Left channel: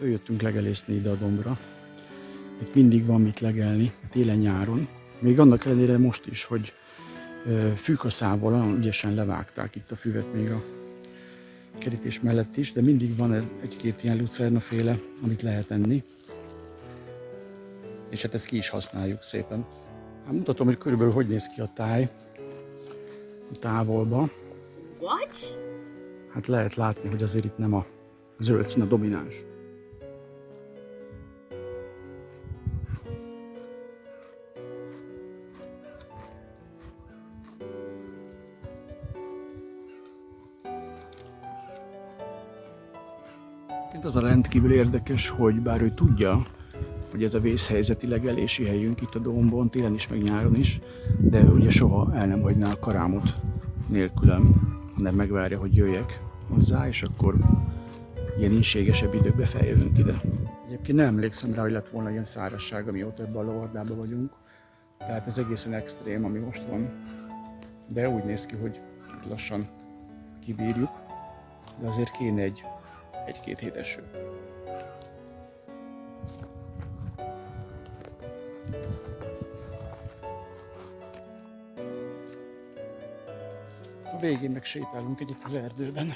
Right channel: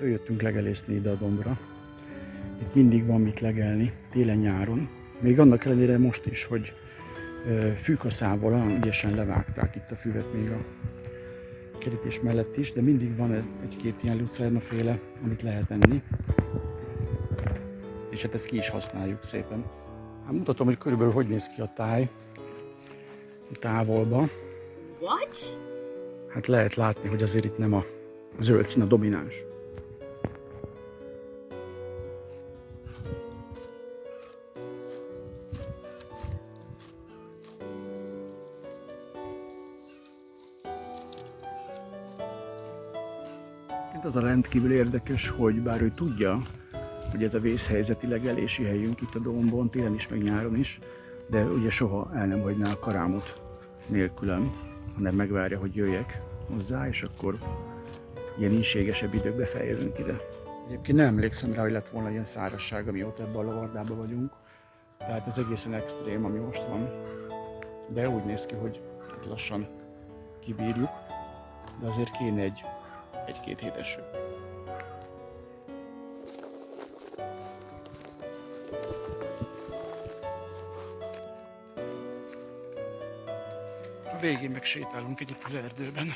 Följöttünk legelészni ide a dombra. Itt mindig van mit legelni, télen-nyáron. Még annak ellenére most is, hogy fűkaszával ügyesen levágták itt a füvet még a kerítés mellett is, de mindig van egy-két ilyen lucernaféle, amit lehet enni. És hát ezt ki is használjuk szépen. Hát mutatom, hogy körülbelül hogy néz ki a táj távolba. What? Hát lehet látni, hogy azért itt nem a zöld szín a domináns. Az a rendkívül érdekes, hogy bár ő tudja, hogy ez a vészhelyzeti legelési helyünk itt a dombon, télen is, meg nyáron is, de ugye soha el nem hagyná a karámot nélkülem, hanem megvárja, hogy jöjjek hozzá, és akkor ilyen ínségesebb időkbe feljövünk ide. Egyébként nem emlékszem rá, hogy lett volna ilyen szárazság, amióta ebben a lavardában vagyunk, tehát ez egészen extrém, ami most van, de úgy néz ki, hogy lassan kibírjuk, de azért kéne egy-két hét eső. A végén meg sétálunk együtt az erdőben.